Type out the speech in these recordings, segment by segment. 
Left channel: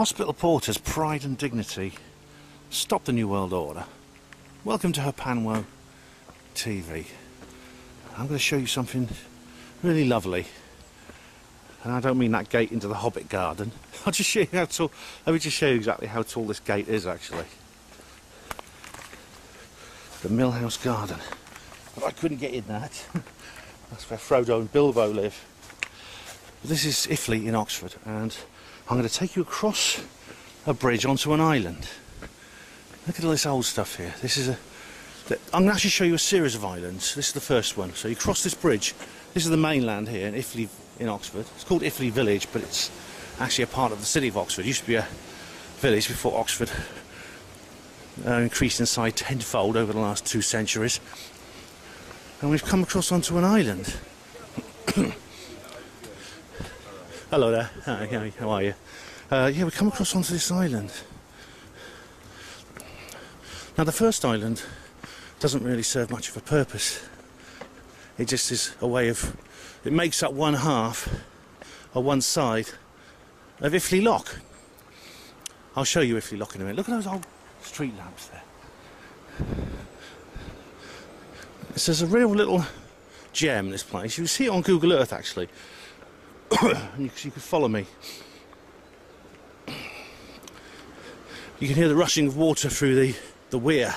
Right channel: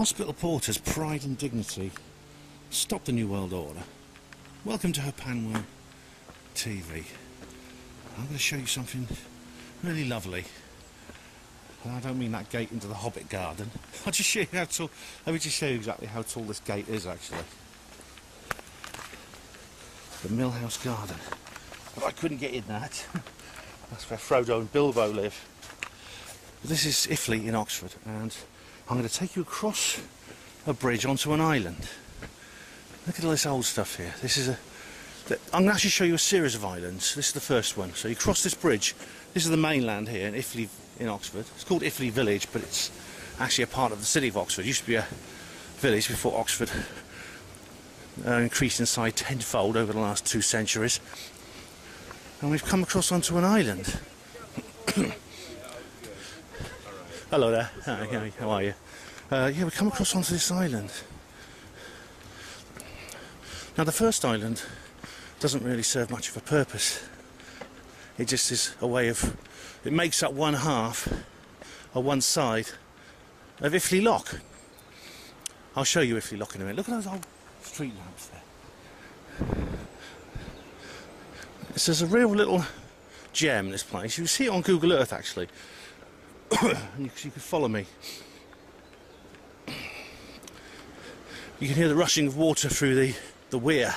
Hospital porters, pride and dignity. Stop the New World Order. Welcome to Panwo TV. I'm going to show you something really lovely. And I don't mean that gate into the Hobbit garden. I'll just show you how tall. Let me just show you exactly how tall this gate is actually. The Millhouse Garden. But I couldn't get in that. That's where Frodo and Bilbo live. But this is Iffley in Oxford, and I'm going to take you across a bridge onto an island. Look at all this old stuff here. This is I'm going to actually show you a series of islands. This is the first one. So you cross this bridge. This is the mainland here in Iffley in Oxford. It's called Iffley Village, but it's actually a part of the city of Oxford. It used to be a village before Oxford increased in size tenfold over the last 2 centuries. And we've come across onto an island. Hello there. Hi, how are you? Yeah, we come across onto this island. Now the first island doesn't really serve much of a purpose. It just is a way of... It makes up one half, or one side, of Iffley Lock. I'll show you Iffley Lock in a minute. Look at those old street lamps there. There's a real little gem, this place. You can see it on Google Earth actually. You can follow me. You can hear the rushing of water through the weir.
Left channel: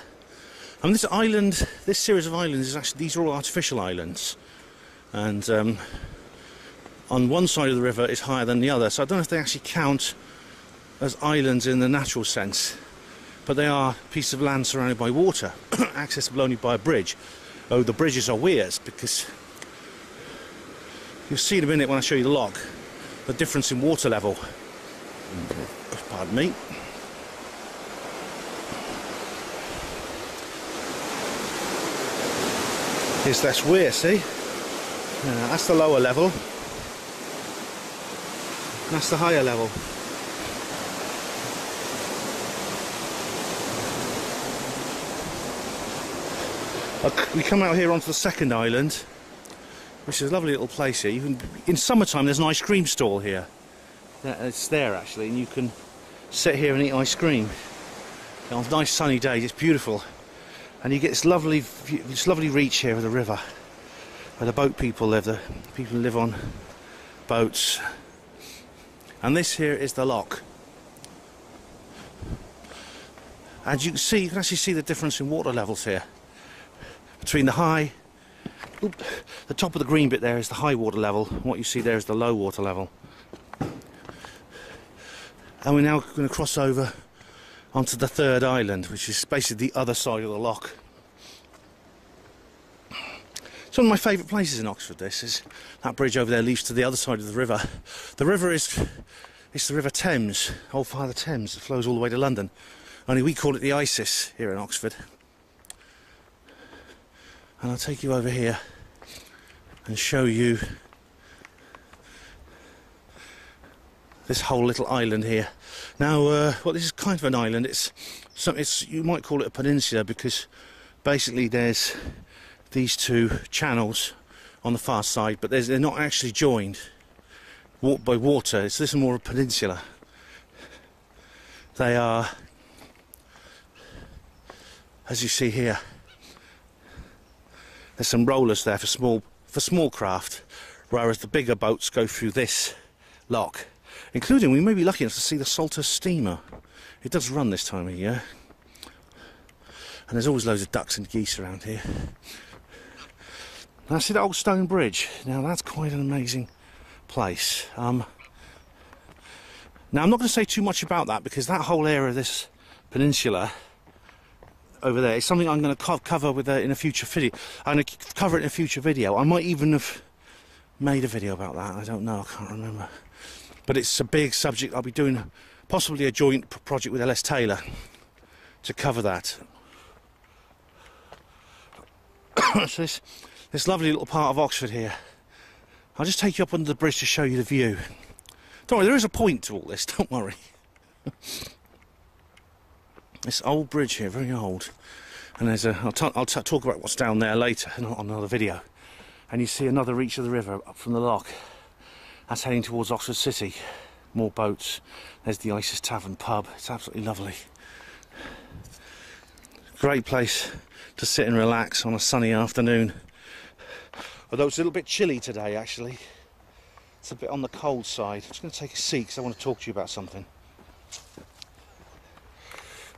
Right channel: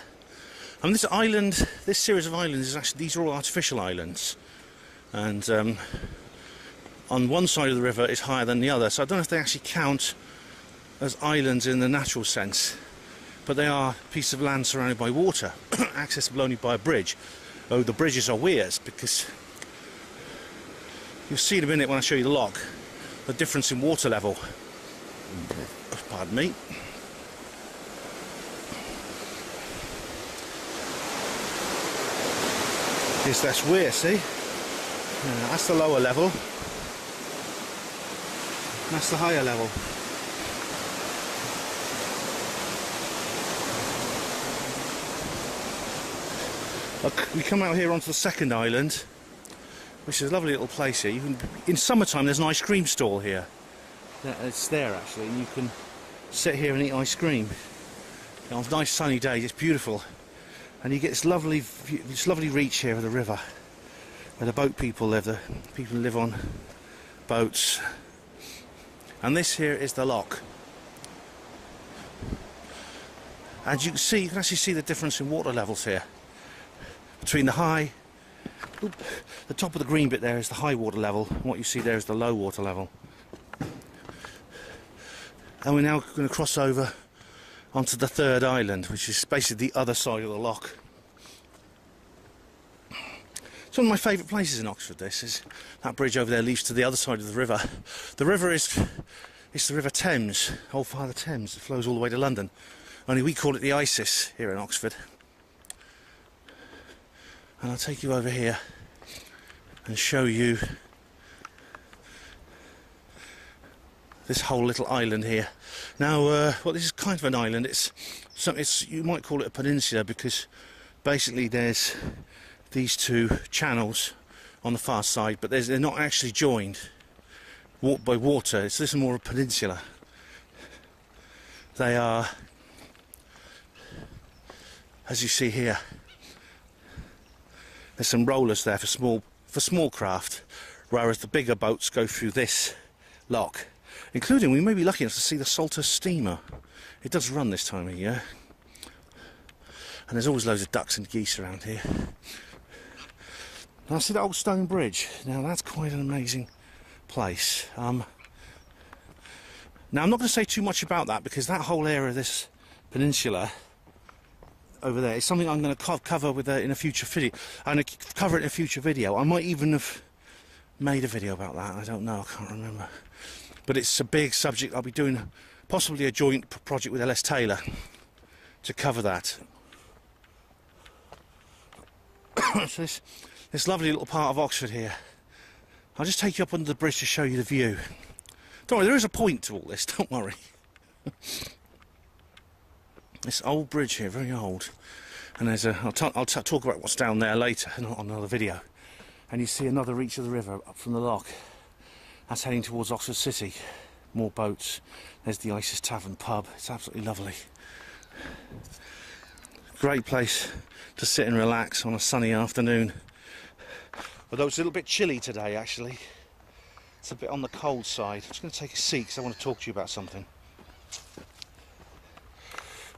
And this island, this series of islands, is actually, these are all artificial islands. And on one side of the river is higher than the other, so I don't know if they actually count as islands in the natural sense. But they are pieces of land surrounded by water, accessible only by a bridge. Oh, the bridges are weirs, because you'll see in a minute when I show you the lock, the difference in water level. Pardon me. Here's this weir, see? That's the lower level. That's the higher level. We come out here onto the second island, which is a lovely little place here. In summertime there's an ice cream stall here. Yeah, it's there actually, and you can sit here and eat ice cream. On nice sunny days, it's beautiful. And you get this lovely reach here of the river, where the boat people live, the people who live on boats. And this here is the lock. And you can actually see the difference in water levels here. Between the the top of the green bit there is the high water level, and what you see there is the low water level. And we're now going to cross over onto the third island, which is basically the other side of the lock. It's one of my favourite places in Oxford. This is that bridge over there leads to the other side of the river. The river it's the River Thames, Old Father Thames. It flows all the way to London. Only we call it the Isis here in Oxford. And I'll take you over here and show you this whole little island here. Now, well, this is kind of an island. You might call it a peninsula, because basically there's these two channels on the far side, but they're not actually joined by water. This is more a peninsula. They are, as you see here, there's some rollers there for small craft, whereas the bigger boats go through this lock. Including, we may be lucky enough to see the Salter steamer. It does run this time of year. And there's always loads of ducks and geese around here. And I see that old stone bridge. Now that's quite an amazing place. Now I'm not going to say too much about that, because that whole area of this peninsula over there is something I'm going to cover in a future video. I'm going to cover it in a future video. I might even have made a video about that. I don't know. I can't remember. But it's a big subject. I'll be doing possibly a joint project with LS Taylor to cover that. So this lovely little part of Oxford here. I'll just take you up under the bridge to show you the view. Don't worry, there is a point to all this. Don't worry. This old bridge here, very old. And there's I'll talk about what's down there later on another video. And you see another reach of the river up from the lock. That's heading towards Oxford City. more boats. There's the Isis Tavern pub. It's absolutely lovely. Great place to sit and relax on a sunny afternoon. Although it's a little bit chilly today, actually. It's a bit on the cold side. I'm just going to take a seat because I want to talk to you about something.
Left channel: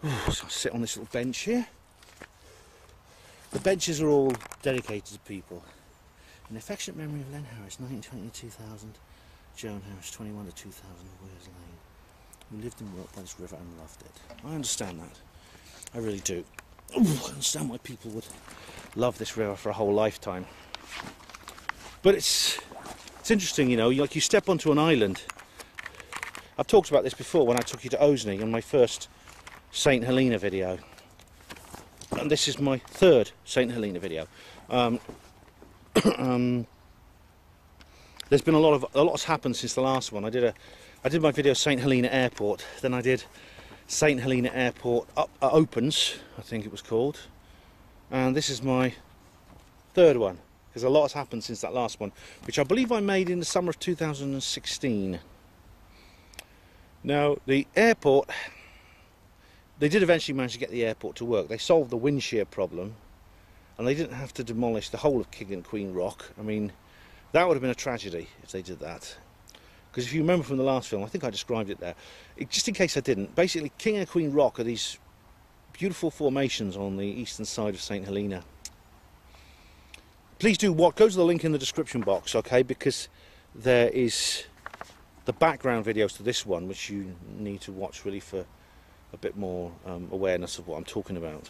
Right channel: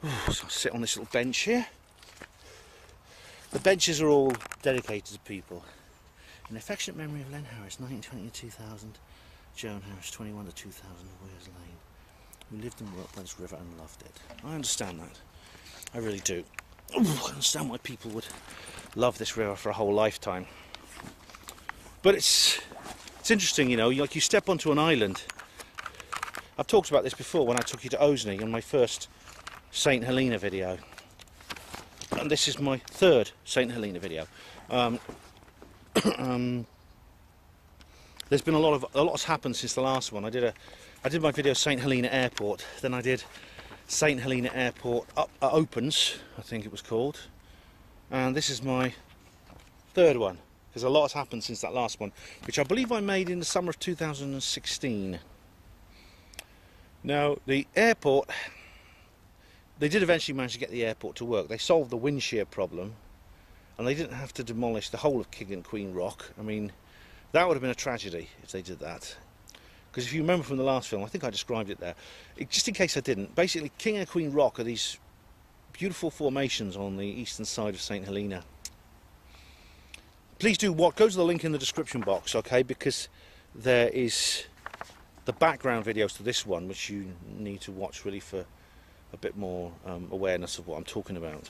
Ooh, so I'll sit on this little bench here. The benches are all dedicated to people. In affectionate memory of Len Harris, 1920 to 2000, Joan Harris, 21 to 2000, Wears Lane, who lived and worked by this river and loved it. I understand that. I really do. Ooh, I understand why people would love this river for a whole lifetime. But it's interesting, you know, like you step onto an island. I've talked about this before when I took you to Osney on my first St Helena video. And this is my third St Helena video. There's been a lot's happened since the last one. I did my video St Helena Airport, then I did St Helena Airport Opens, I think it was called, and this is my third one, because a lot has happened since that last one, which I believe I made in the summer of 2016. Now, the airport, they did eventually manage to get the airport to work. They solved the wind shear problem, and they didn't have to demolish the whole of King and Queen Rock. I mean, that would have been a tragedy if they did that. Because if you remember from the last film, I think I described it there. Just in case I didn't, basically King and Queen Rock are these beautiful formations on the eastern side of St Helena. Please do go to the link in the description box, okay, because there is the background videos to this one, which you need to watch really for a bit more awareness of what I'm talking about.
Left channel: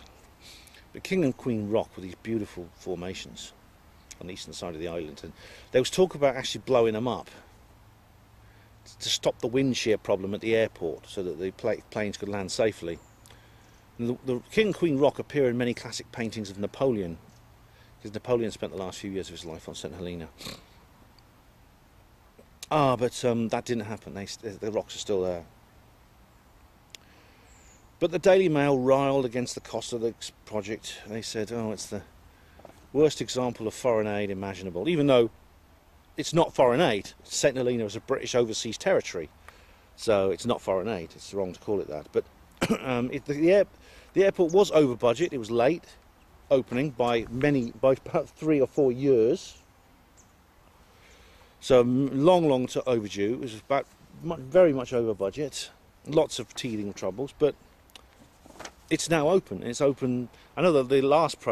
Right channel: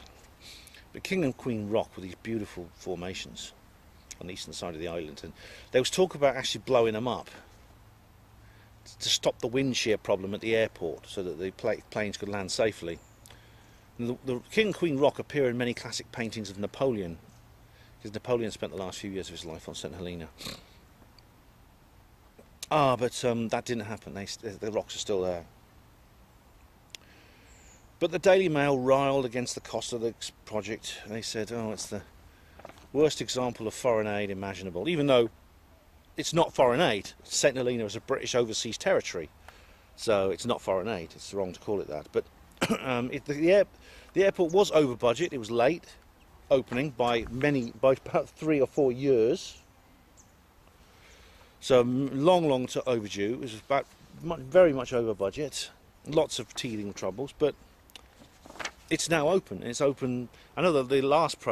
But King and Queen Rock were these beautiful formations on the eastern side of the island, and there was talk about actually blowing them up to stop the wind shear problem at the airport so that the planes could land safely. And the King and Queen Rock appear in many classic paintings of Napoleon, because Napoleon spent the last few years of his life on St Helena. But that didn't happen. The rocks are still there. But the Daily Mail riled against the cost of this project. They said, oh, it's the worst example of foreign aid imaginable, even though it's not foreign aid. St Helena is a British overseas territory, so it's not foreign aid. It's wrong to call it that. But the airport was over budget. It was late opening by about 3 or 4 years. So long to overdue. It was very much over budget. Lots of teething troubles, but it's now open. It's open. I know that the last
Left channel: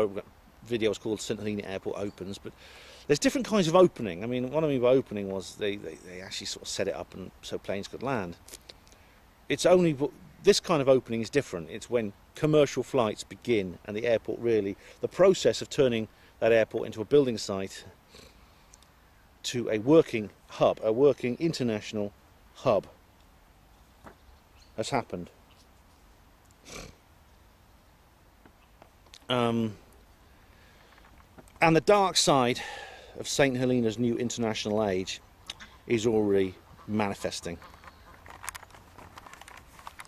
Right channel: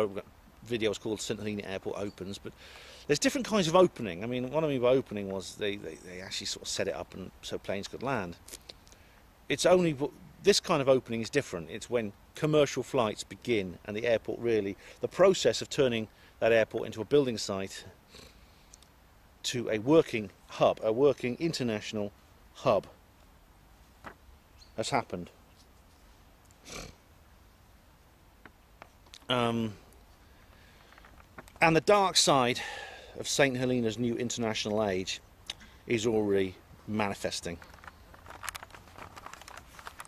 video was called St Helena Airport Opens, but there's different kinds of opening. I mean, what I mean by opening was they actually sort of set it up and so planes could land. It's only this kind of opening is different. It's when commercial flights begin and the airport really, the process of turning that airport into a building site to a working hub, a working international hub, has happened. And the dark side of St Helena's new international age is already manifesting.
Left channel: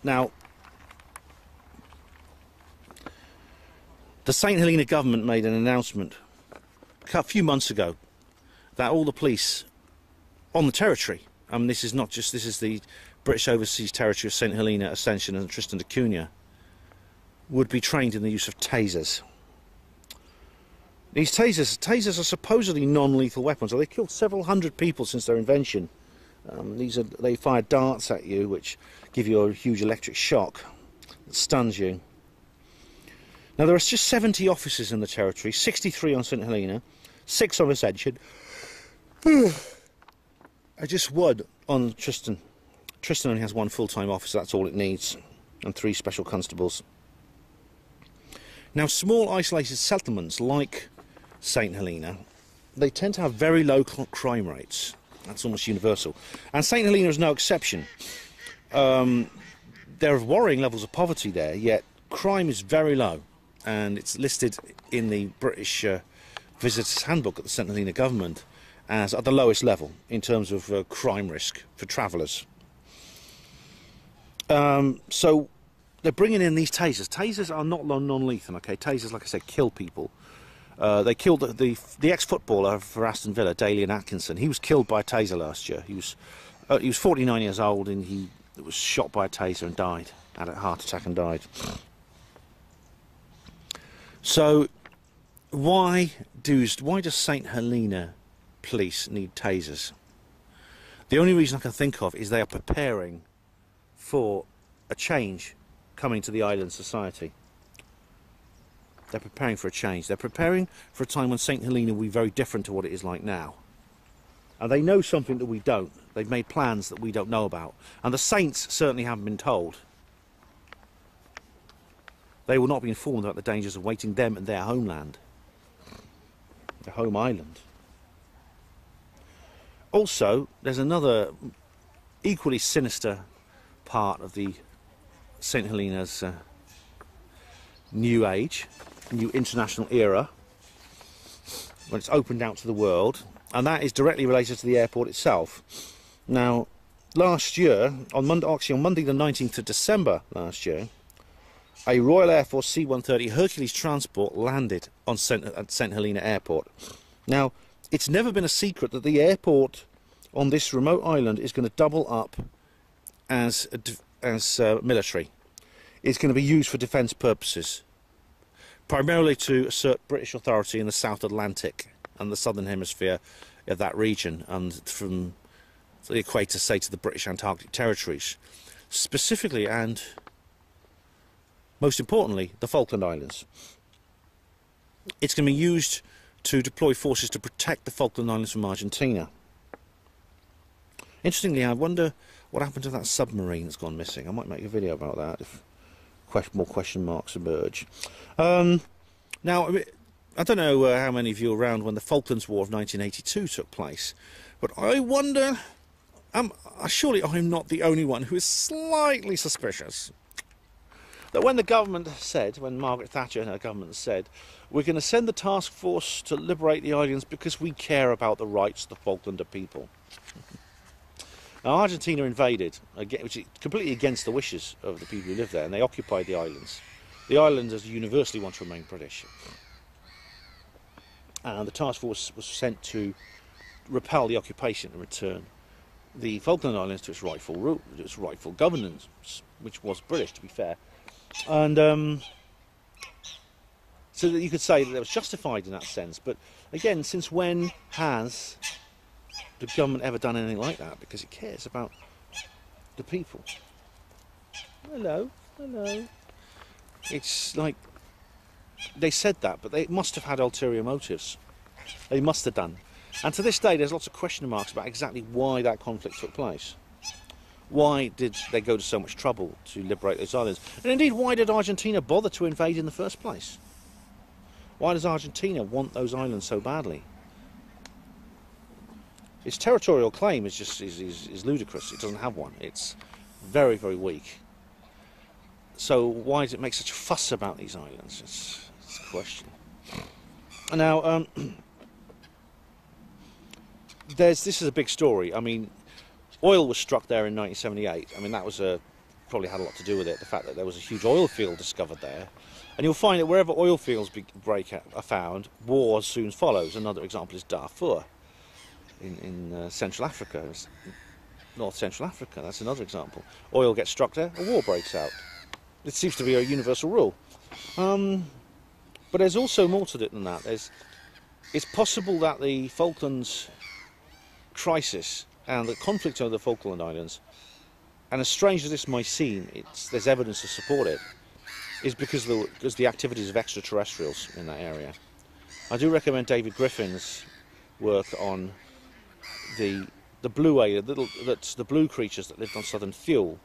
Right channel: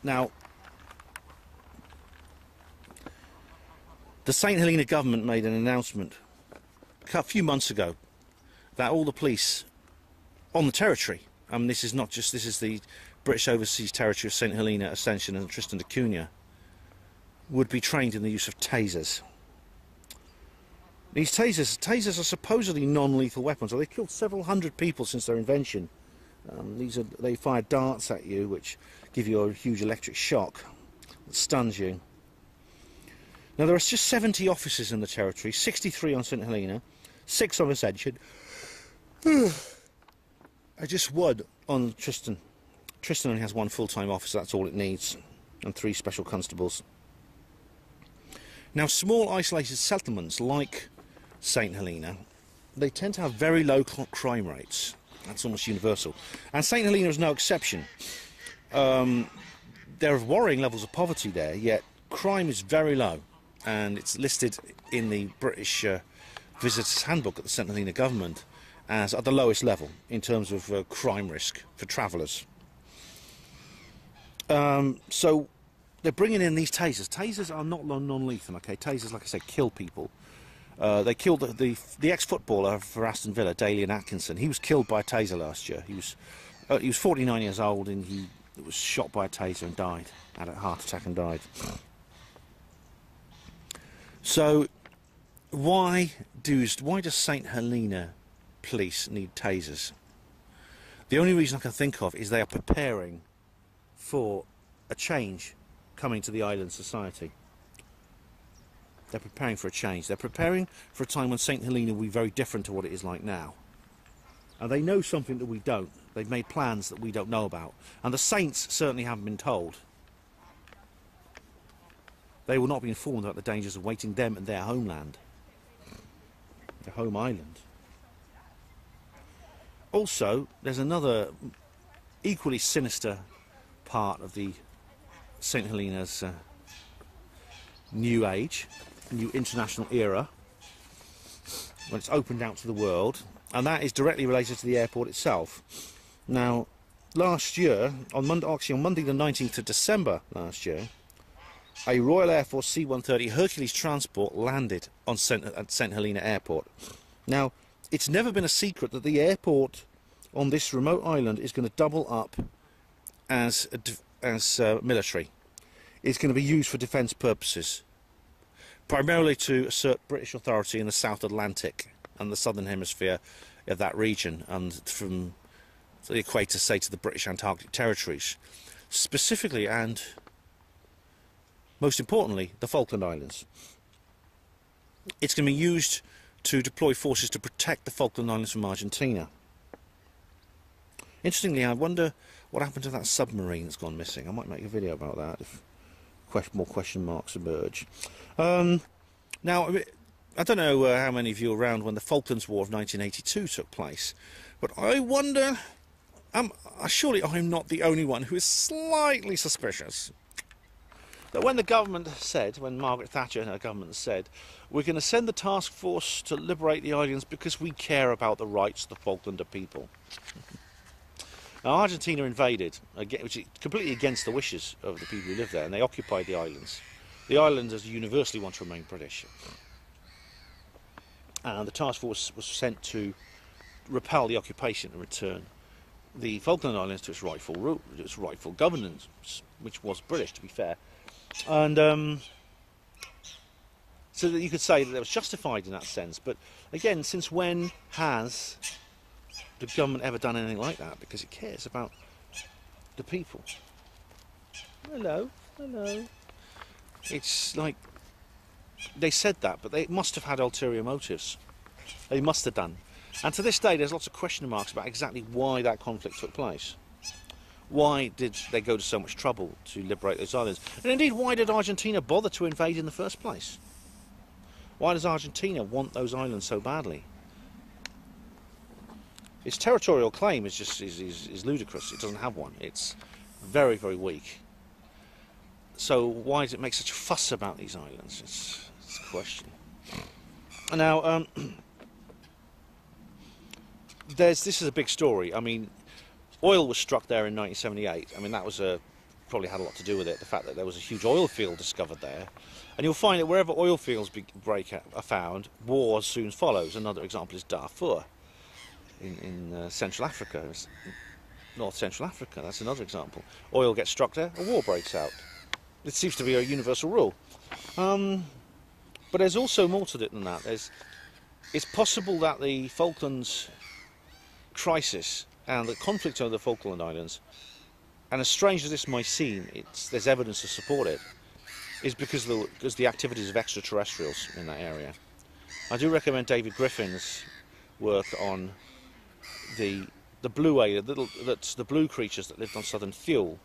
Now, the St Helena government made an announcement a few months ago that all the police on the territory, this is the British Overseas Territory of St Helena, Ascension and Tristan da Cunha, would be trained in the use of tasers. These tasers are supposedly non-lethal weapons. They killed several hundred people since their invention. They fire darts at you, which give you a huge electric shock that stuns you. Now there are just 70 officers in the territory, 63 on St Helena, 6 on Ascension, just 1 on Tristan. Tristan only has 1 full-time officer, that's all it needs, and 3 special constables. Now, small isolated settlements like St Helena, they tend to have very low crime rates. That's almost universal. And St Helena is no exception. There are worrying levels of poverty there, yet crime is very low. And it's listed in the British Visitors Handbook at the St Helena government as at the lowest level in terms of crime risk for travellers. So they're bringing in these tasers. Tasers are not non-lethal, okay? Tasers, like I said, kill people. They killed the ex-footballer for Aston Villa, Dalian Atkinson. He was killed by a taser last year. He was He was 49 years old, and he was shot by a taser and died. Had a heart attack and died. So, why does St Helena police need tasers? The only reason I can think of is they are preparing for a change coming to the island society. They're preparing for a change. They're preparing for a time when St Helena will be very different to what it is like now. And they know something that we don't. They've made plans that we don't know about. And the saints certainly haven't been told. They will not be informed about the dangers awaiting them and their homeland. Their home island. Also, there's another equally sinister part of the St Helena's new age, new international era, when it's opened out to the world, and that is directly related to the airport itself. Now, last year, on Monday the 19th of December last year, a Royal Air Force C-130 Hercules transport landed at St Helena Airport. Now, it's never been a secret that the airport on this remote island is going to double up as military. It's going to be used for defence purposes, primarily to assert British authority in the South Atlantic and the southern hemisphere of that region, and from the equator, say, to the British Antarctic territories, specifically and most importantly the Falkland Islands. It's going to be used to deploy forces to protect the Falkland Islands from Argentina. Interestingly, I wonder what happened to that submarine that's gone missing. I might make a video about that if more question marks emerge. Now, I don't know how many of you were around when the Falklands War of 1982 took place, but I wonder, surely I'm not the only one who is slightly suspicious that when the government said, when Margaret Thatcher and her government said, we're going to send the task force to liberate the islands because we care about the rights of the Falklander people. Now, Argentina invaded, which is completely against the wishes of the people who live there, and they occupied the islands. The islanders universally want to remain British. And the task force was sent to repel the occupation and return the Falkland Islands to its rightful governance, which was British, to be fair. And so that you could say that it was justified in that sense. But again, since when has the government ever done anything like that? Because it cares about the people. Hello, hello. It's like they said that, but they must have had ulterior motives. They must have done. And to this day, there's lots of question marks about exactly why that conflict took place. Why did they go to so much trouble to liberate those islands? And indeed, why did Argentina bother to invade in the first place? Why does Argentina want those islands so badly? Its territorial claim is just is ludicrous. It doesn't have one. It's very, very weak. So why does it make such a fuss about these islands? It's a question. Now, this is a big story. I mean, oil was struck there in 1978. I mean, that was probably had a lot to do with it. The fact that there was a huge oil field discovered there, and you'll find that wherever oil fields are found, wars soon follows. Another example is Darfur in Central Africa, North Central Africa. That's another example. Oil gets struck there, a war breaks out. It seems to be a universal rule. But there's also more to it than that. It's possible that the Falklands crisis and the conflict over the Falkland Islands, and as strange as this might seem, there's evidence to support it, is because of the activities of extraterrestrials in that area. I do recommend David Griffin's work on the blue area, the blue creatures that lived on Southern Fuel,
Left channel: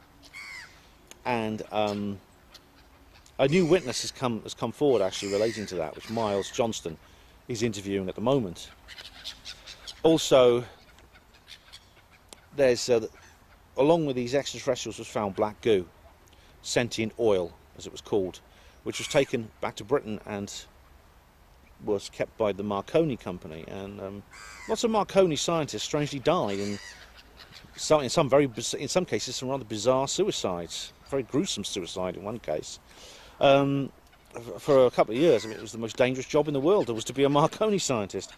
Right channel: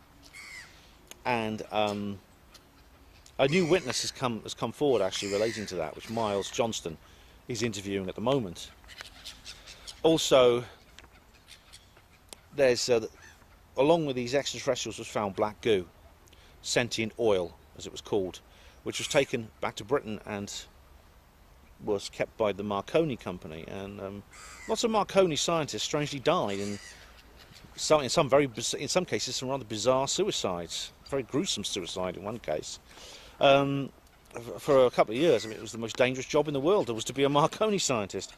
and a new witness has come forward actually relating to that, which Miles Johnston is interviewing at the moment. Also, there's along with these extraterrestrials was found black goo, sentient oil as it was called, which was taken back to Britain and was kept by the Marconi company, and lots of Marconi scientists strangely died in some cases some rather bizarre suicides, very gruesome suicide in one case. For a couple of years, I mean, it was the most dangerous job in the world. It was to be a Marconi scientist.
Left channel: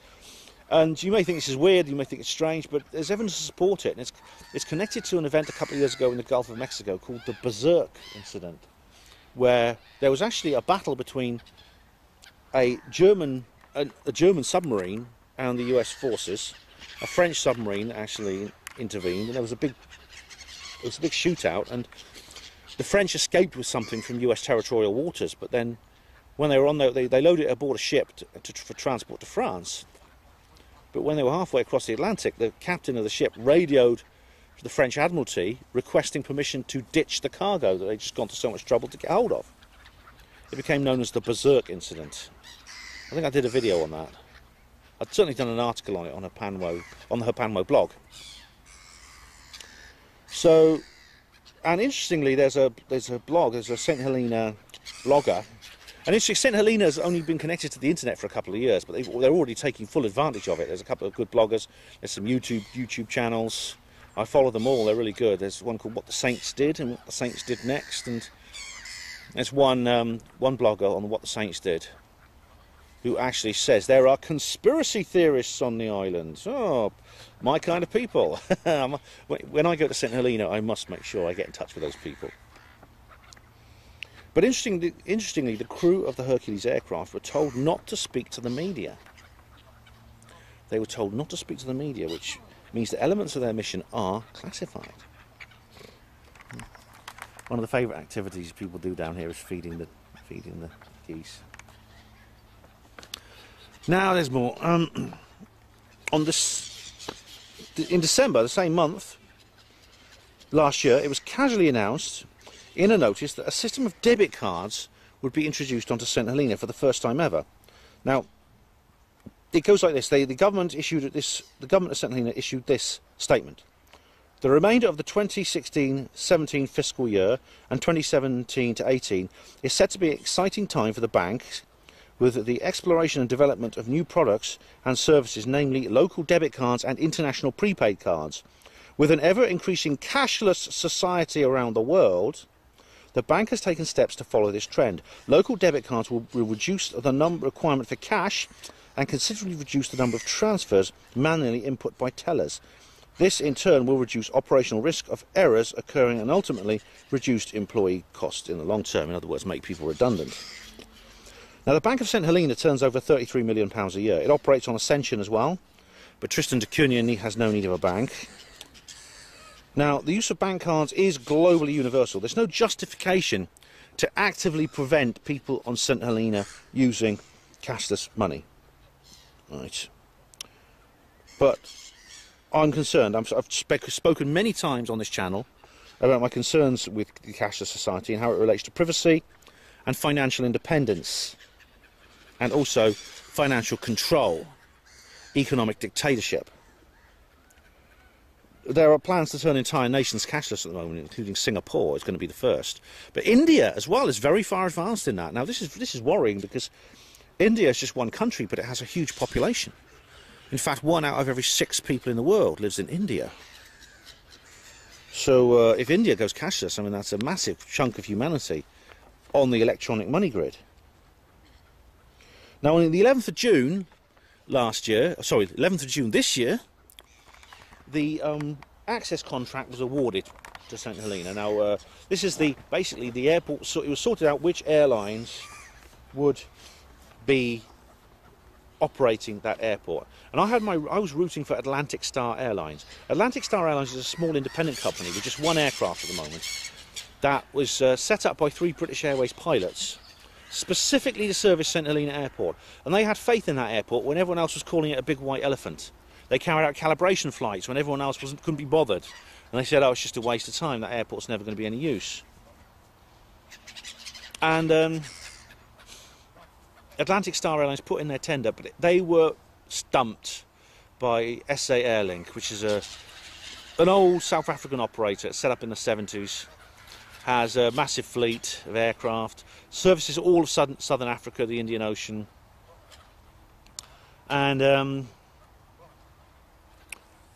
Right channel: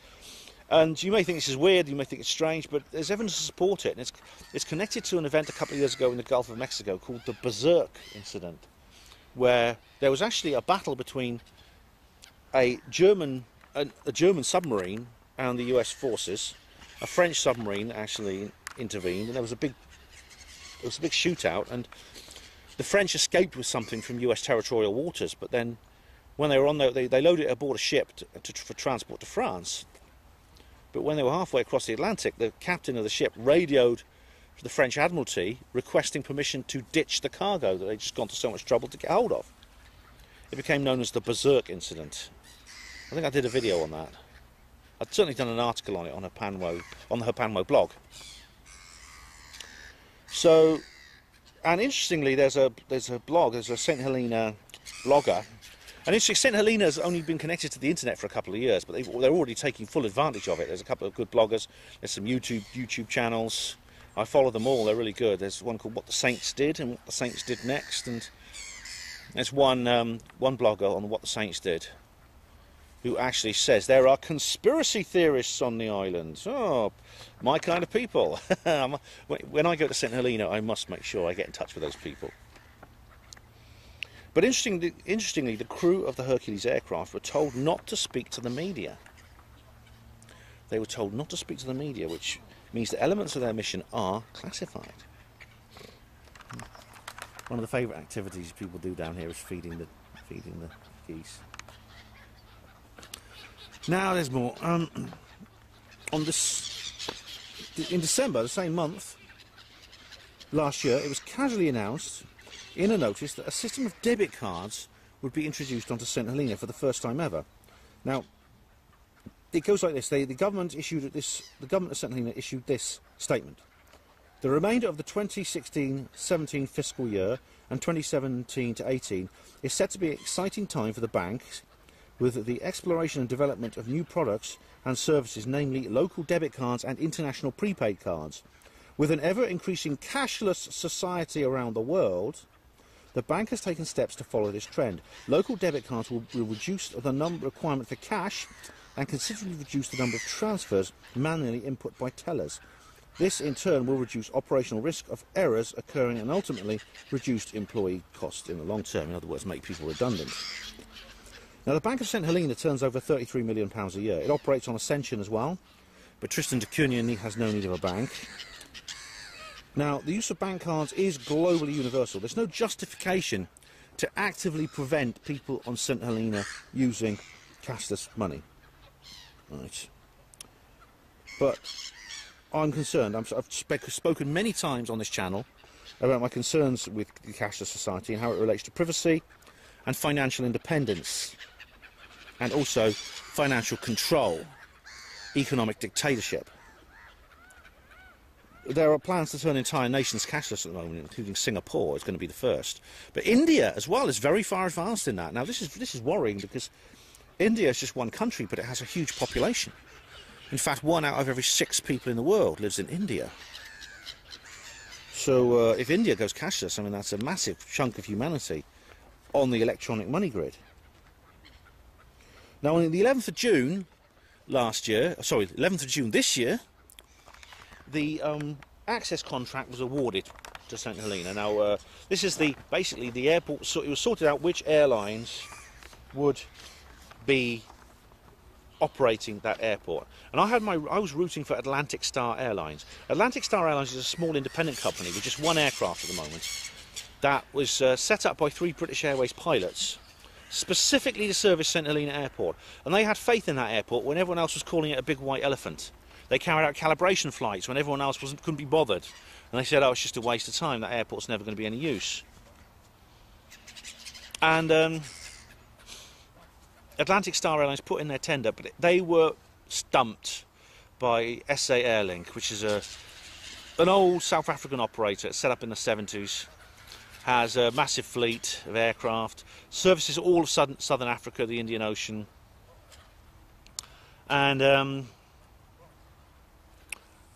And you may think this is weird, you may think it's strange, but there's evidence to support it. And it's connected to an event a couple of years ago in the Gulf of Mexico called the Berserk incident, where there was actually a battle between a German submarine and the US forces. A French submarine actually intervened, and there was a big shootout, and the French escaped with something from US territorial waters, but then when they were on there, they loaded it aboard a ship for transport to France. But when they were halfway across the Atlantic, the captain of the ship radioed to the French Admiralty requesting permission to ditch the cargo that they'd just gone to so much trouble to get hold of. It became known as the Berserk incident. I think I did a video on that. I'd certainly done an article on it on the Herpanmo blog. So, and interestingly, there's a St Helena blogger. And interestingly, St Helena has only been connected to the internet for a couple of years, but they're already taking full advantage of it. There's a couple of good bloggers. There's some YouTube channels. I follow them all. They're really good. There's one called What the Saints Did and What the Saints Did Next, and there's one blogger on What the Saints Did who actually says there are conspiracy theorists on the island. Oh, my kind of people. When I go to St Helena, I must make sure I get in touch with those people. But interestingly, the crew of the Hercules aircraft were told not to speak to the media. They were told not to speak to the media, which means that elements of their mission are classified. One of the favourite activities people do down here is feeding the geese. Now there's more. In December, the same month, last year, it was casually announced in a notice that a system of debit cards would be introduced onto St Helena for the first time ever. Now, it goes like this: the government of St Helena issued this statement: the remainder of the 2016-17 fiscal year and 2017-18 is set to be an exciting time for the bank, with the exploration and development of new products and services, namely local debit cards and international prepaid cards. With an ever-increasing cashless society around the world, the bank has taken steps to follow this trend. Local debit cards will reduce the requirement for cash and considerably reduce the number of transfers manually input by tellers. This, in turn, will reduce operational risk of errors occurring and ultimately reduce employee costs in the long term. In other words, make people redundant. Now, the Bank of St Helena turns over £33 million a year. It operates on Ascension as well, but Tristan da Cunha has no need of a bank. Now, the use of bank cards is globally universal. There's no justification to actively prevent people on St Helena using cashless money. Right. But I'm concerned. I've spoken many times on this channel about my concerns with the cashless society and how it relates to privacy and financial independence, and also financial control, economic dictatorship. There are plans to turn entire nations cashless at the moment, including Singapore is going to be the first. But India as well is very far advanced in that. Now this is worrying, because India is just one country, but it has a huge population. In fact, 1 out of every 6 people in the world lives in India. So if India goes cashless, I mean, that's a massive chunk of humanity on the electronic money grid. Now, on the 11th of June last year, sorry, 11th of June this year, the access contract was awarded to St Helena. Now, this is basically the airport. So it was sorted out which airlines would be operating that airport, and I was rooting for Atlantic Star Airlines. Atlantic Star Airlines is a small independent company with just one aircraft at the moment that was set up by 3 British Airways pilots specifically to service St Helena Airport, and they had faith in that airport when everyone else was calling it a big white elephant. They carried out calibration flights when everyone else couldn't be bothered, and they said, oh, it's just a waste of time, that airport's never going to be any use. And Atlantic Star Airlines put in their tender, but they were stumped by SA Airlink, which is an old South African operator set up in the 70s, has a massive fleet of aircraft, services all of southern Africa, the Indian Ocean, and I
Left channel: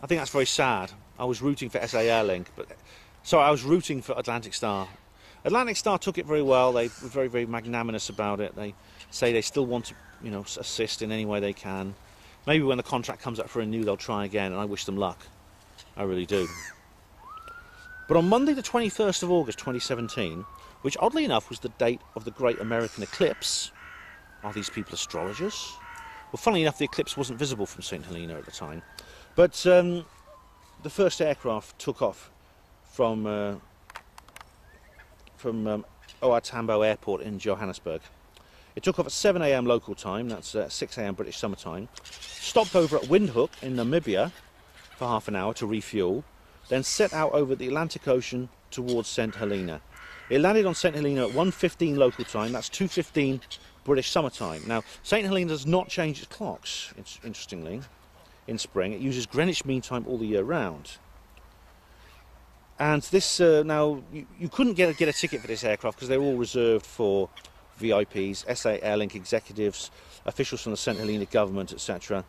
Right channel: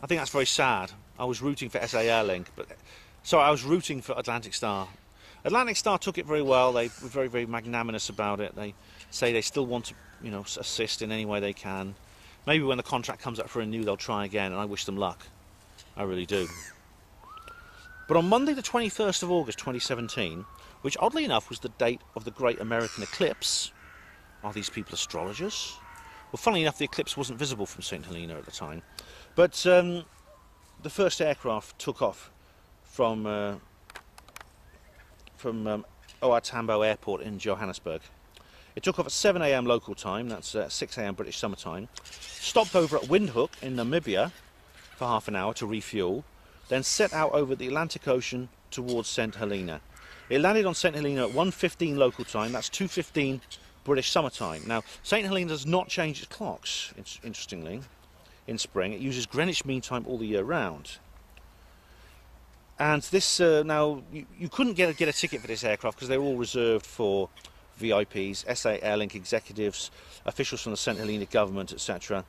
think that's very sad. I was rooting for SA Airlink, I was rooting for Atlantic Star. Atlantic Star took it very well. They were very, very magnanimous about it. They say they still want to, assist in any way they can. Maybe when the contract comes up for renew, they'll try again, and I wish them luck. I really do. But on Monday the 21st of August 2017, which oddly enough was the date of the Great American Eclipse, are these people astrologers? Well, funnily enough, the eclipse wasn't visible from St Helena at the time, but the first aircraft took off from OR Tambo Airport in Johannesburg. It took off at 7 AM local time, that's 6 AM British summer time, stopped over at Windhoek in Namibia for half an hour to refuel, then set out over the Atlantic Ocean towards St Helena. It landed on St Helena at 1:15 local time, that's 2:15 British summer time. Now, St Helena does not change its clocks, interestingly, in spring. It uses Greenwich Mean Time all the year round. And this, now, you couldn't get a ticket for this aircraft because they were all reserved for VIPs, SA Airlink executives, officials from the St Helena government, etc.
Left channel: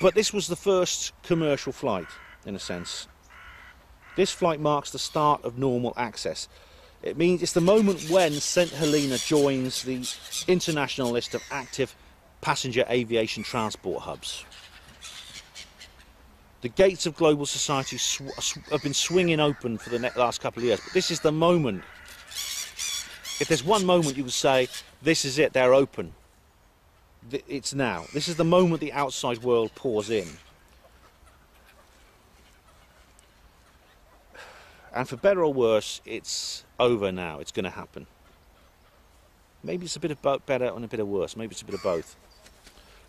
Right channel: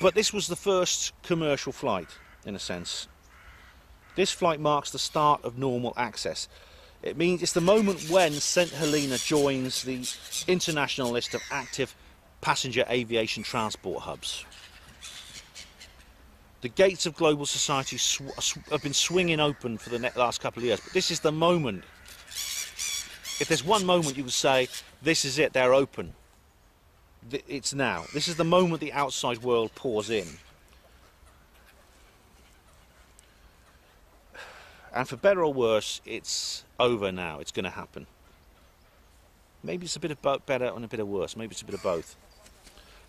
But this was the first commercial flight, in a sense. This flight marks the start of normal access. It means it's the moment when St Helena joins the international list of active passenger aviation transport hubs. The gates of global society have been swinging open for the last couple of years, but this is the moment. If there's one moment you would say, this is it, they're open, it's now. This is the moment the outside world pours in. And for better or worse, it's over now. It's going to happen. Maybe it's a bit of better and a bit of worse. Maybe it's a bit of both.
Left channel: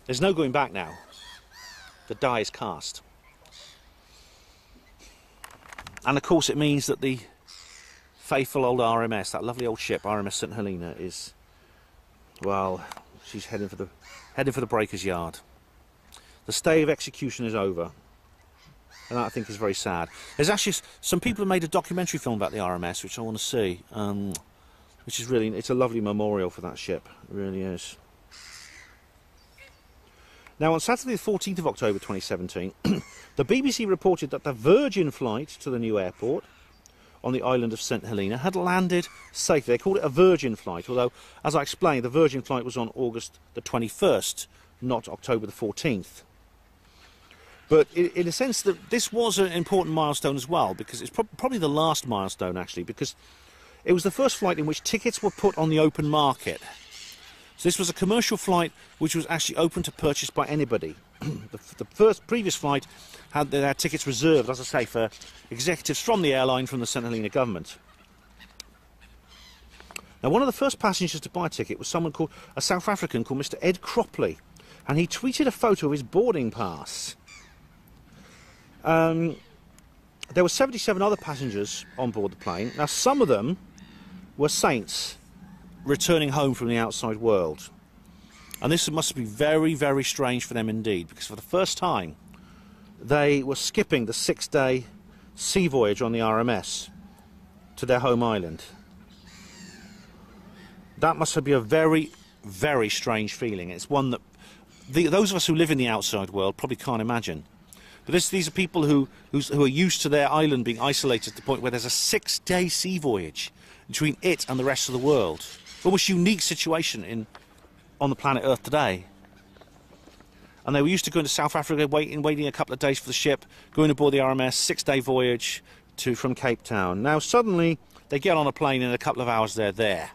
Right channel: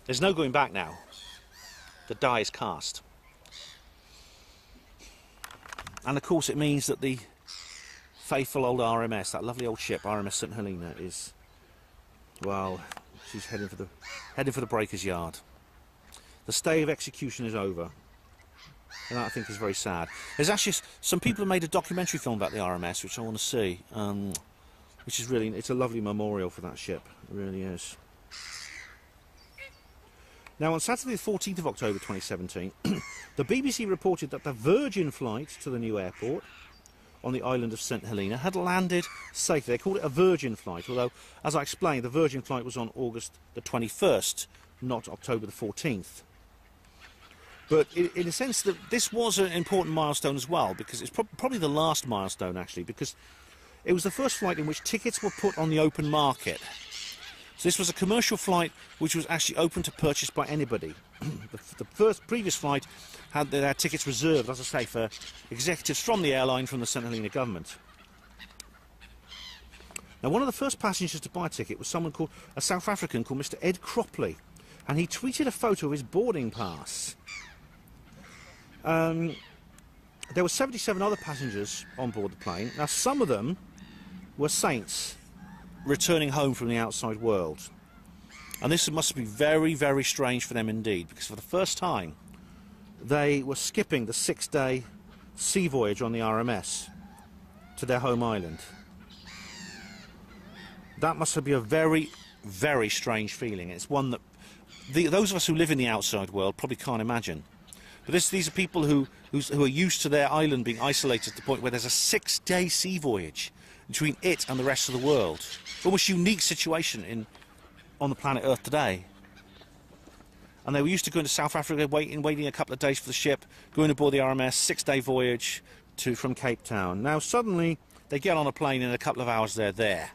There's no going back now. The die is cast. And of course it means that the faithful old RMS, that lovely old ship, RMS St Helena, is, well, she's heading for the breaker's yard. The stay of execution is over. And that, I think, is very sad. There's actually some people have made a documentary film about the RMS, which I want to see, which is really, it's a lovely memorial for that ship. It really is. Now, on Saturday the 14th of October 2017, the BBC reported that the Virgin flight to the new airport on the island of St Helena had landed safely. They called it a Virgin flight, although, as I explained, the Virgin flight was on August the 21st, not October the 14th. But in a sense, that this was an important milestone as well, because it's probably the last milestone, actually, because it was the first flight in which tickets were put on the open market. So this was a commercial flight which was actually open to purchase by anybody. The previous flight had their tickets reserved, as I say, for executives from the airline, from the St Helena government. Now, one of the first passengers to buy a ticket was a South African called Mr. Ed Cropley, and he tweeted a photo of his boarding pass. There were 77 other passengers on board the plane. Now, some of them were saints returning home from the outside world. And this must be very, very strange for them indeed, because for the first time they were skipping the 6-day sea voyage on the RMS to their home island. That must be a very, very strange feeling. It's one that those of us who live in the outside world probably can't imagine. But these are people who are used to their island being isolated to the point where there's a 6-day sea voyage between it and the rest of the world. Almost unique situation on the planet Earth today. And they were used to going to South Africa, waiting a couple of days for the ship, going aboard the RMS, 6-day voyage from Cape Town. Now suddenly they get on a plane and in a couple of hours they're there.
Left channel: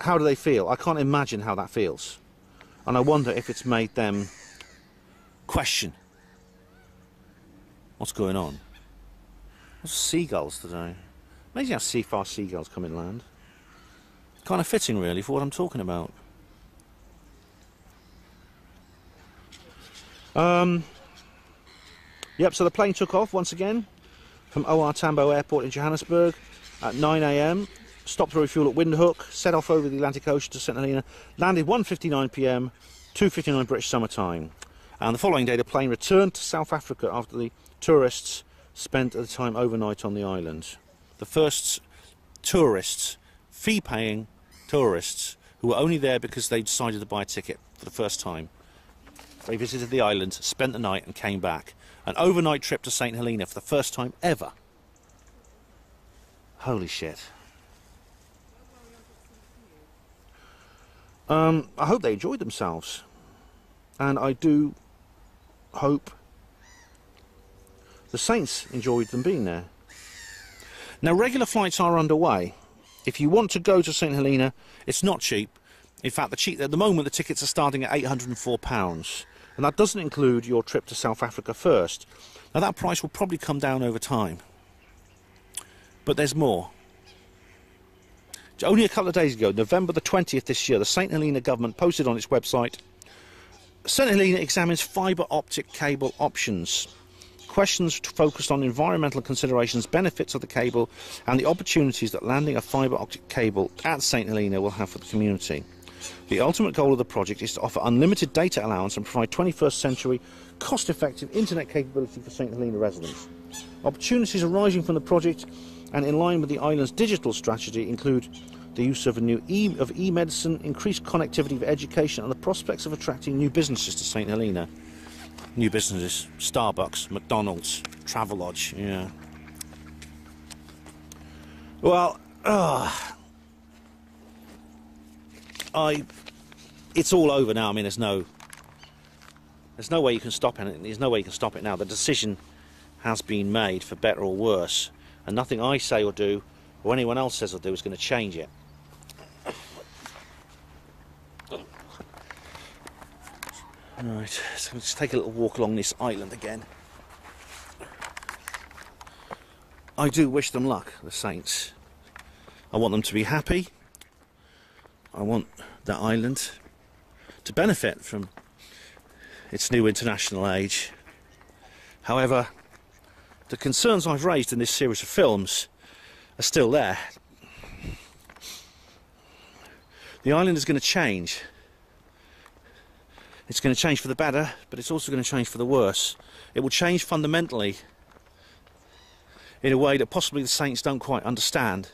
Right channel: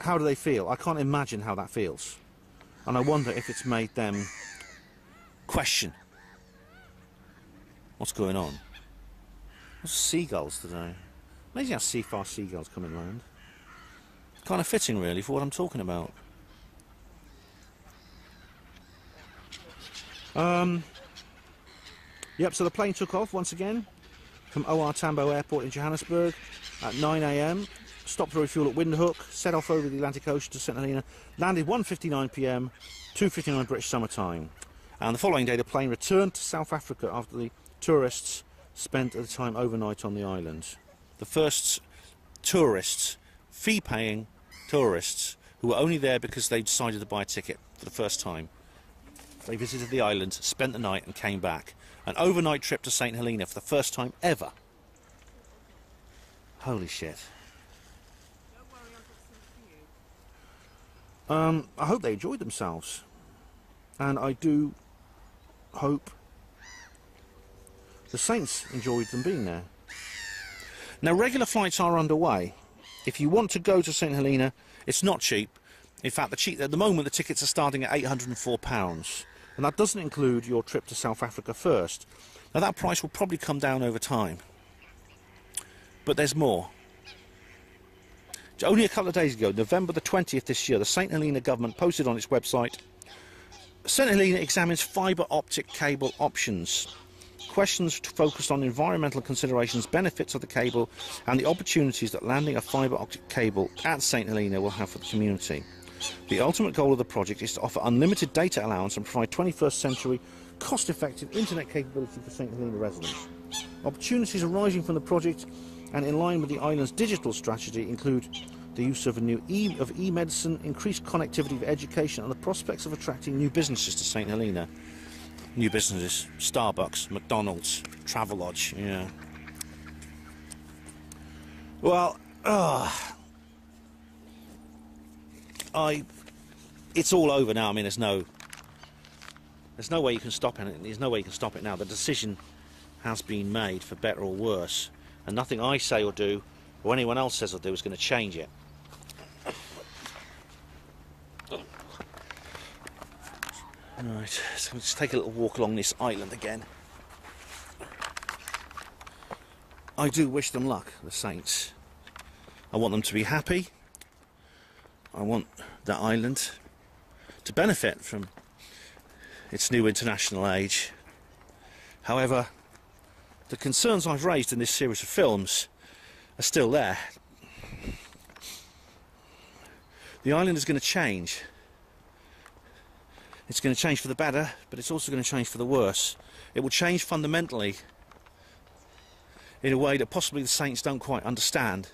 How do they feel? I can't imagine how that feels. And I wonder if it's made them question what's going on. What's seagulls today? Amazing how fast seagulls come inland. Kind of fitting, really, for what I'm talking about. Yep, so the plane took off once again from OR Tambo Airport in Johannesburg at 9 AM, stopped to refuel at Windhoek, set off over the Atlantic Ocean to St Helena, landed 1:59 PM, 2:59 British summer time. And the following day the plane returned to South Africa after the tourists spent the time overnight on the island. The first tourists, fee-paying tourists, who were only there because they decided to buy a ticket for the first time. They visited the island, spent the night and came back. An overnight trip to St Helena for the first time ever. Holy shit. I hope they enjoyed themselves. and I do hope the Saints enjoyed them being there. Now, regular flights are underway. If you want to go to St Helena, it's not cheap. In fact, at the moment the tickets are starting at £804, and that doesn't include your trip to South Africa first. Now, that price will probably come down over time, but there's more. Only a couple of days ago, November the 20th this year, the St Helena government posted on its website, St Helena examines fibre optic cable options. Questions focused on environmental considerations, benefits of the cable, and the opportunities that landing a fibre optic cable at St Helena will have for the community. The ultimate goal of the project is to offer unlimited data allowance and provide 21st century cost-effective internet capability for St Helena residents. Opportunities arising from the project and in line with the island's digital strategy include the use of e-medicine, increased connectivity for education, and the prospects of attracting new businesses to St Helena. New businesses, Starbucks, McDonald's, Travelodge, yeah. Well, it's all over now. I mean, there's no way you can stop it. There's no way you can stop it now. The decision has been made, for better or worse, and nothing I say or do, or anyone else says or do, is going to change it. Right, so let's take a little walk along this island again. I do wish them luck, the Saints. I want them to be happy. I want that island to benefit from its new international age. However, the concerns I've raised in this series of films are still there. The island is going to change. It's going to change for the better, but it's also going to change for the worse. It will change fundamentally in a way that possibly the Saints don't quite understand.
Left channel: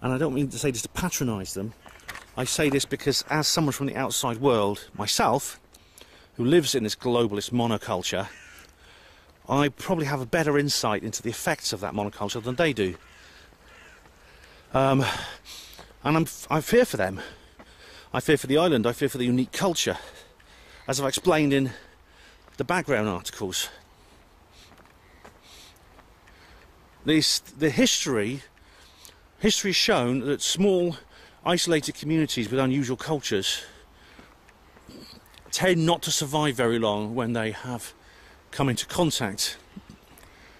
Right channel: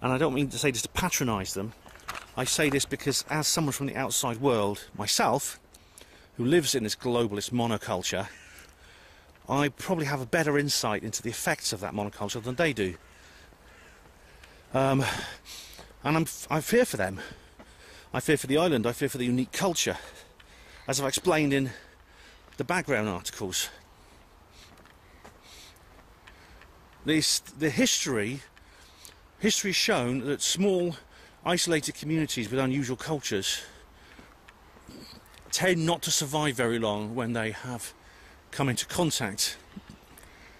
And I don't mean to say this to patronise them. I say this because, as someone from the outside world, myself, who lives in this globalist monoculture, I probably have a better insight into the effects of that monoculture than they do. And I fear for them. I fear for the island, I fear for the unique culture, as I've explained in the background articles. The history has shown that small, isolated communities with unusual cultures tend not to survive very long when they have come into contact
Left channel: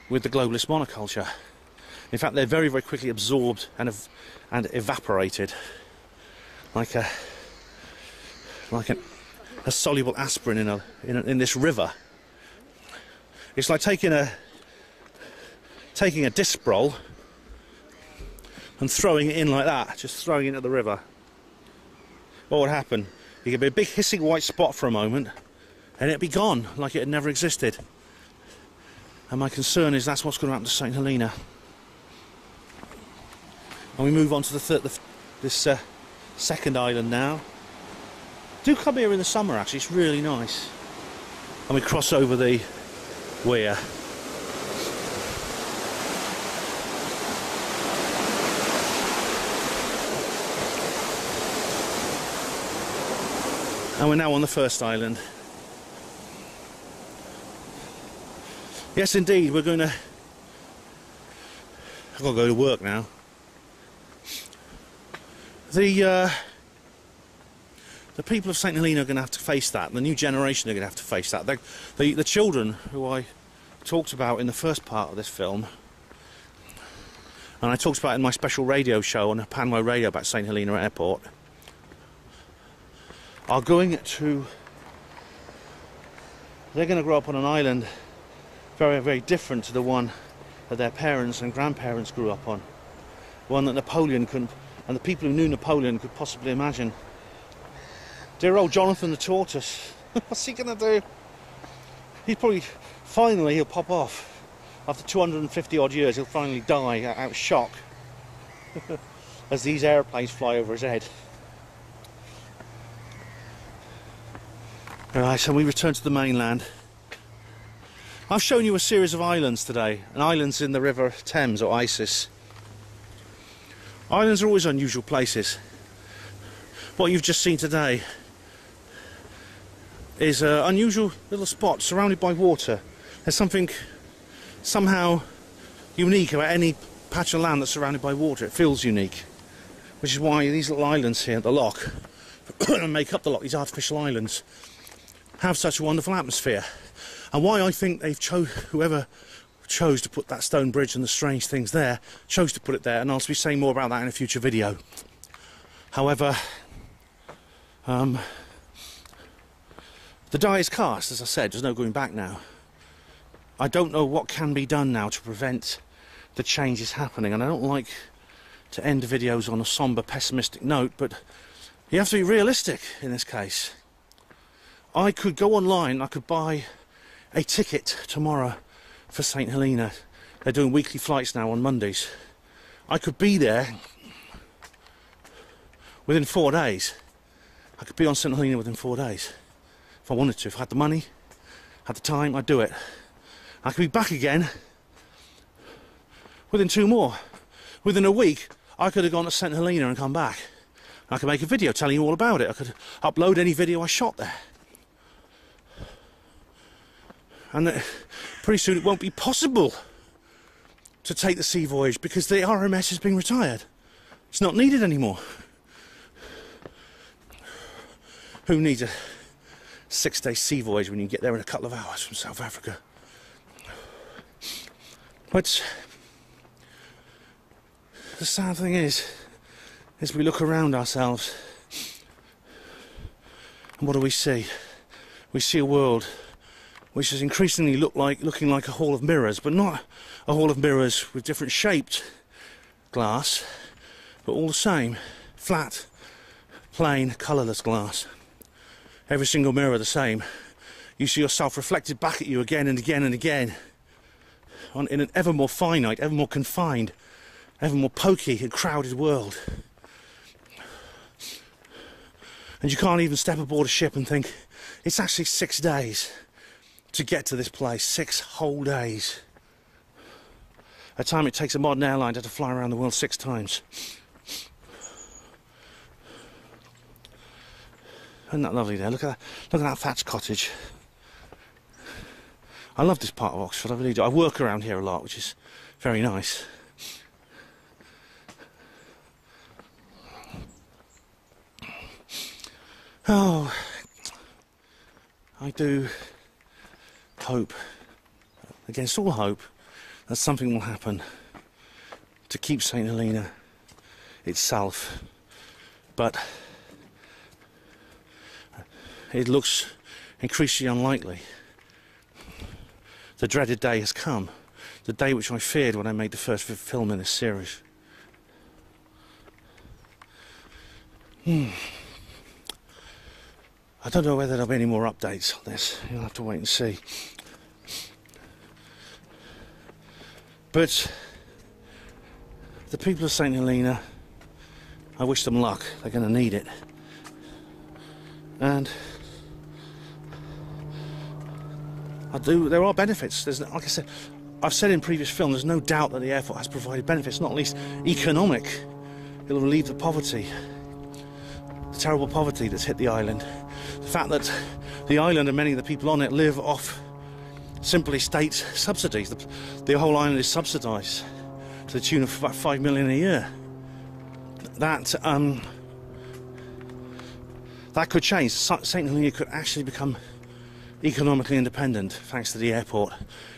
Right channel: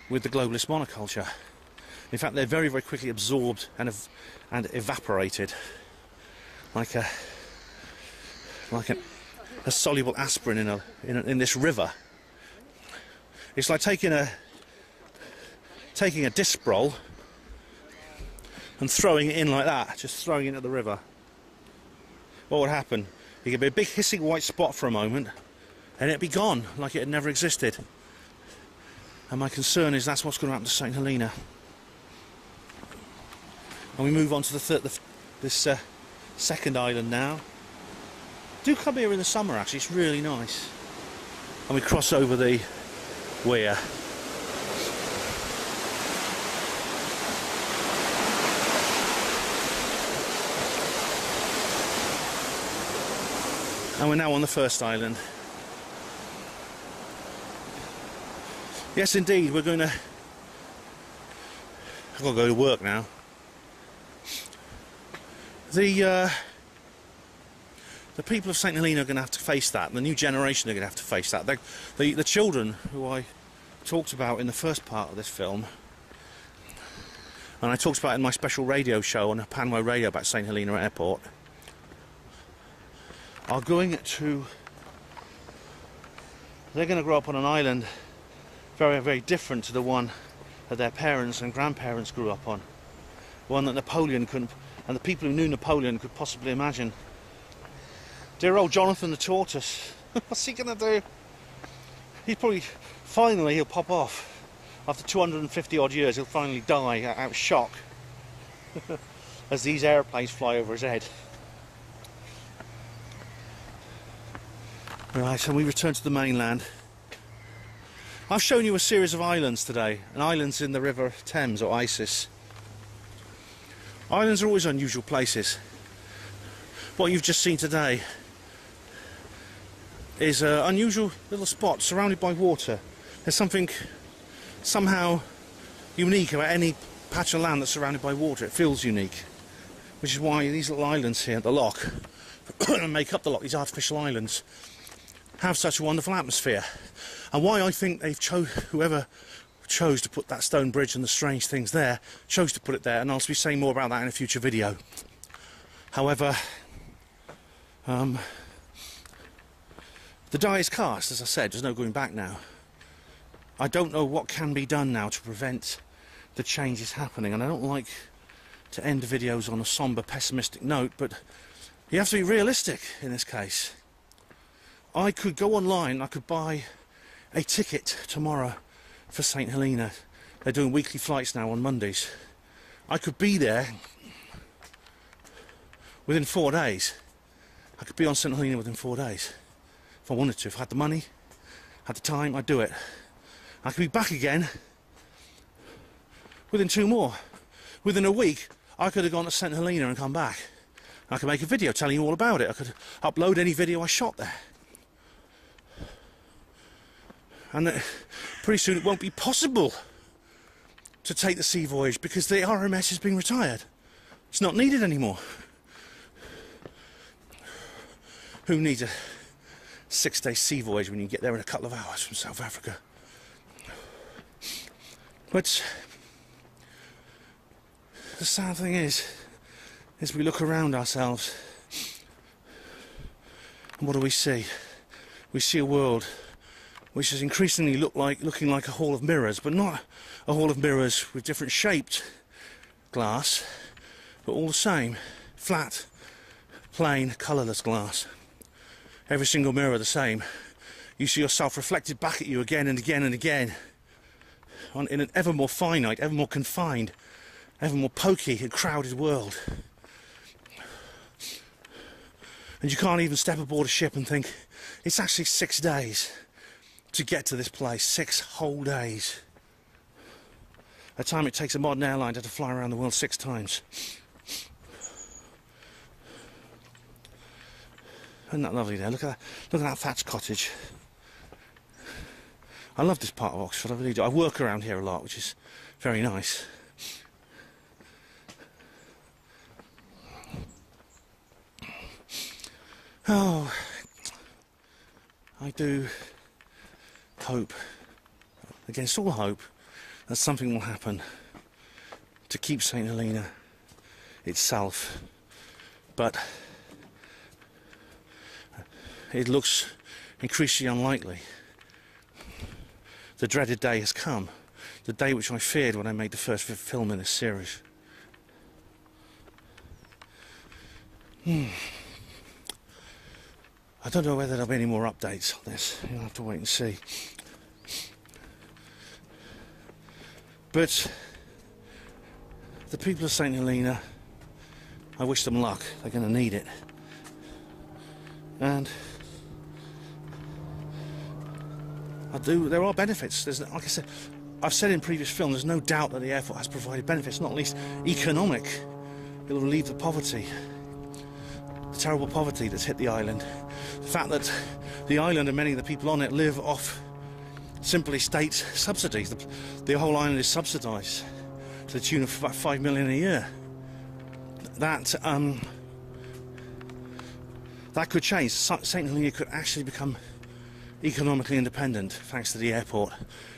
with the globalist monoculture. In fact, they're very, very quickly absorbed and evaporated, like a soluble aspirin in this river. It's like taking a disc roll and throwing it in like that, just throwing it into the river. What would happen? You get a big hissing white spot for a moment, and it'd be gone, like it had never existed. And my concern is that's what's going to happen to St Helena. And we move on to this second island now. Do come here in the summer, actually, it's really nice. And we cross over the weir. And we're now on the first island. Yes, indeed, I've got to go to work now. The people of St Helena are going to have to face that. The new generation are going to have to face that. The children who I talked about in the first part of this film, and I talked about in my special radio show on Panway Radio about St Helena Airport, are going to... They're going to grow up on an island very, very different to the one that their parents and grandparents grew up on. One that Napoleon couldn't, and the people who knew Napoleon could possibly imagine. Dear old Jonathan the tortoise, what's he going to do? He'll pop off. After 250 odd years, he'll finally die out of shock as these airplanes fly over his head. Right, so we return to the mainland. I've shown you a series of islands today, and islands in the River Thames or Isis. Islands are always unusual places. What you've just seen today is an unusual little spot surrounded by water. There's something somehow unique about any patch of land that's surrounded by water. It feels unique, which is why these little islands here at the loch make up the loch, these artificial islands, have such a wonderful atmosphere, and why I think whoever chose to put that stone bridge and the strange things there chose to put it there, and I'll be saying more about that in a future video. However, the die is cast, as I said. There's no going back now. I don't know what can be done now to prevent the changes happening, and I don't like to end videos on a sombre, pessimistic note, but you have to be realistic in this case. I could go online, I could buy a ticket tomorrow for St Helena. They're doing weekly flights now on Mondays. I could be there within 4 days. I could be on St Helena within 4 days if I wanted to. If I had the money, had the time, I'd do it. I could be back again within 2 more. Within a week, I could have gone to St Helena and come back. I could make a video telling you all about it. I could upload any video I shot there. And pretty soon it won't be possible to take the sea voyage because the RMS is being retired. It's not needed anymore. Who needs a 6-day sea voyage when you get there in a couple of hours from South Africa? But the sad thing is we look around ourselves and what do we see? We see a world which is increasingly looking like a hall of mirrors, but not a hall of mirrors with different shaped glass, but all the same, flat, plain, colourless glass. Every single mirror the same. You see yourself reflected back at you again and again and again, in an ever more finite, ever more confined, ever more pokey and crowded world. And you can't even step aboard a ship and think, it's actually 6 days to get to this place. 6 whole days. A time it takes a modern airline to fly around the world 6 times. Isn't that lovely there? Look at that thatched cottage. I love this part of Oxford, I really do. I work around here a lot, which is very nice. Oh, I do hope, against all hope, that something will happen to keep St Helena itself, but it looks increasingly unlikely. The dreaded day has come, the day which I feared when I made the first film in this series. I don't know whether there'll be any more updates on this. You'll have to wait and see. But the people of St Helena, I wish them luck. They're going to need it. And there are benefits. Like I said, I've said in previous films, there's no doubt that the airport has provided benefits, not least economic. It'll relieve the poverty, the terrible poverty that's hit the island. The fact that the island and many of the people on it live off simply state subsidies. The whole island is subsidised to the tune of about 5 million a year. That could change. St Helena could actually become economically independent thanks to the airport,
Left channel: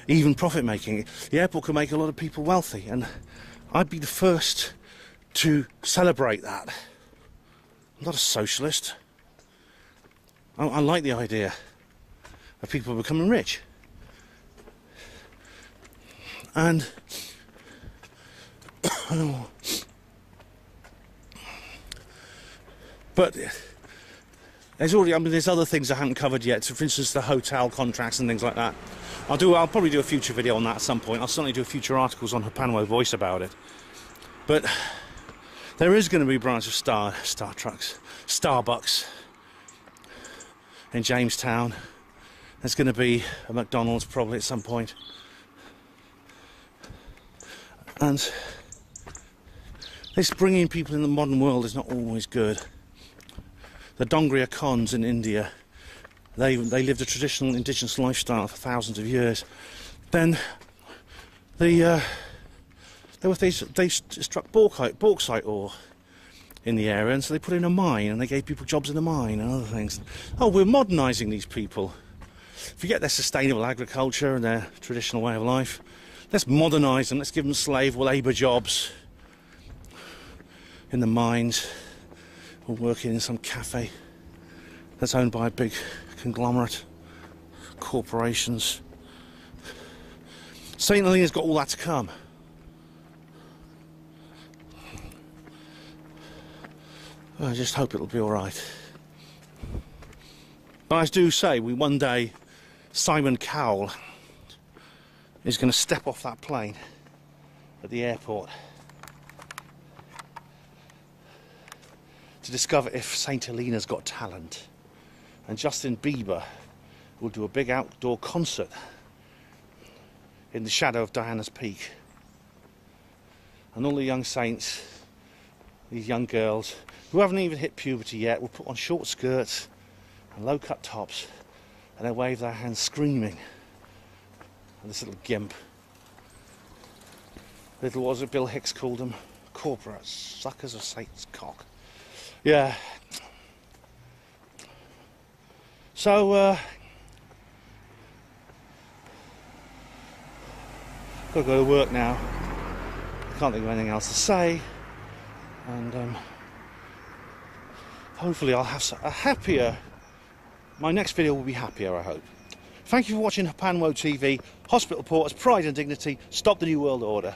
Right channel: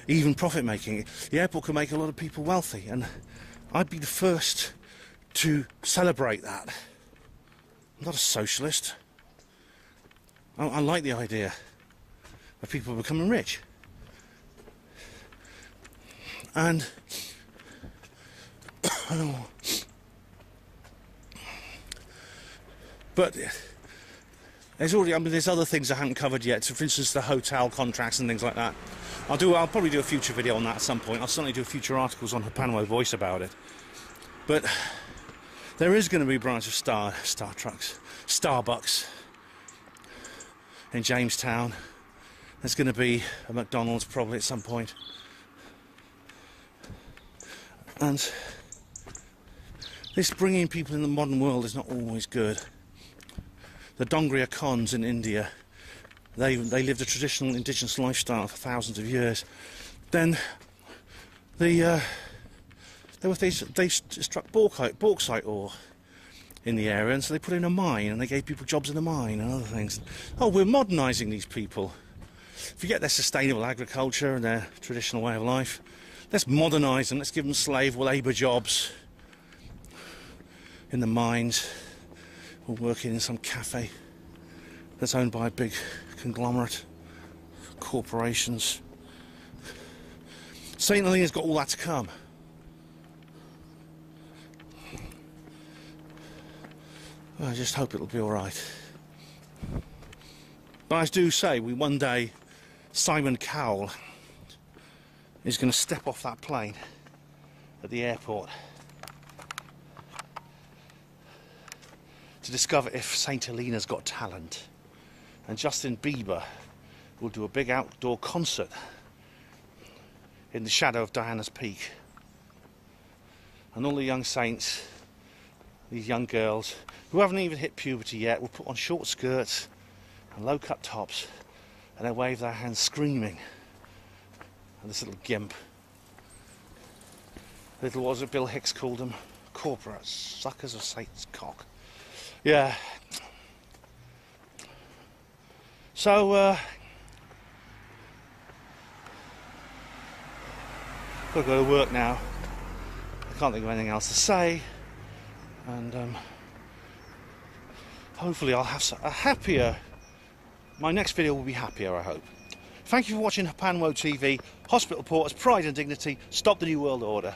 even profit making. The airport could make a lot of people wealthy, and I'd be the first to celebrate that. I'm not a socialist. I like the idea of people becoming rich. And but there's other things I haven't covered yet. So for instance, the hotel contracts and things like that. I'll probably do a future video on that at some point. I'll certainly do future articles on Hapanwo Voice about it. But there is going to be a branch of Starbucks in Jamestown. There's going to be a McDonald's probably at some point. And this bringing people in the modern world is not always good. The Dongria Khans in India They lived a traditional indigenous lifestyle for thousands of years. Then they struck bauxite ore in the area, and so they put in a mine, and they gave people jobs in the mine and other things. Oh, we're modernising these people. Forget their sustainable agriculture and their traditional way of life. Let's modernise them. Let's give them slave labour jobs in the mines, or working in some cafe that's owned by a big conglomerate, corporations. St Helena's got all that to come. I just hope it'll be alright. But I do say, one day Simon Cowell is going to step off that plane at the airport to discover if St Helena's got talent, and Justin Bieber will do a big outdoor concert in the shadow of Diana's Peak, and all the young saints, these young girls who haven't even hit puberty yet, will put on short skirts and low-cut tops, and they wave their hands screaming at this little gimp. Little, what was it Bill Hicks called them? Corporate suckers of Satan's cock. Yeah. So, gotta go to work now. I can't think of anything else to say, and hopefully I'll have a happier. My next video will be happier, I hope. Thank you for watching Panwo TV. Hospital Porters, Pride and Dignity. Stop the New World Order.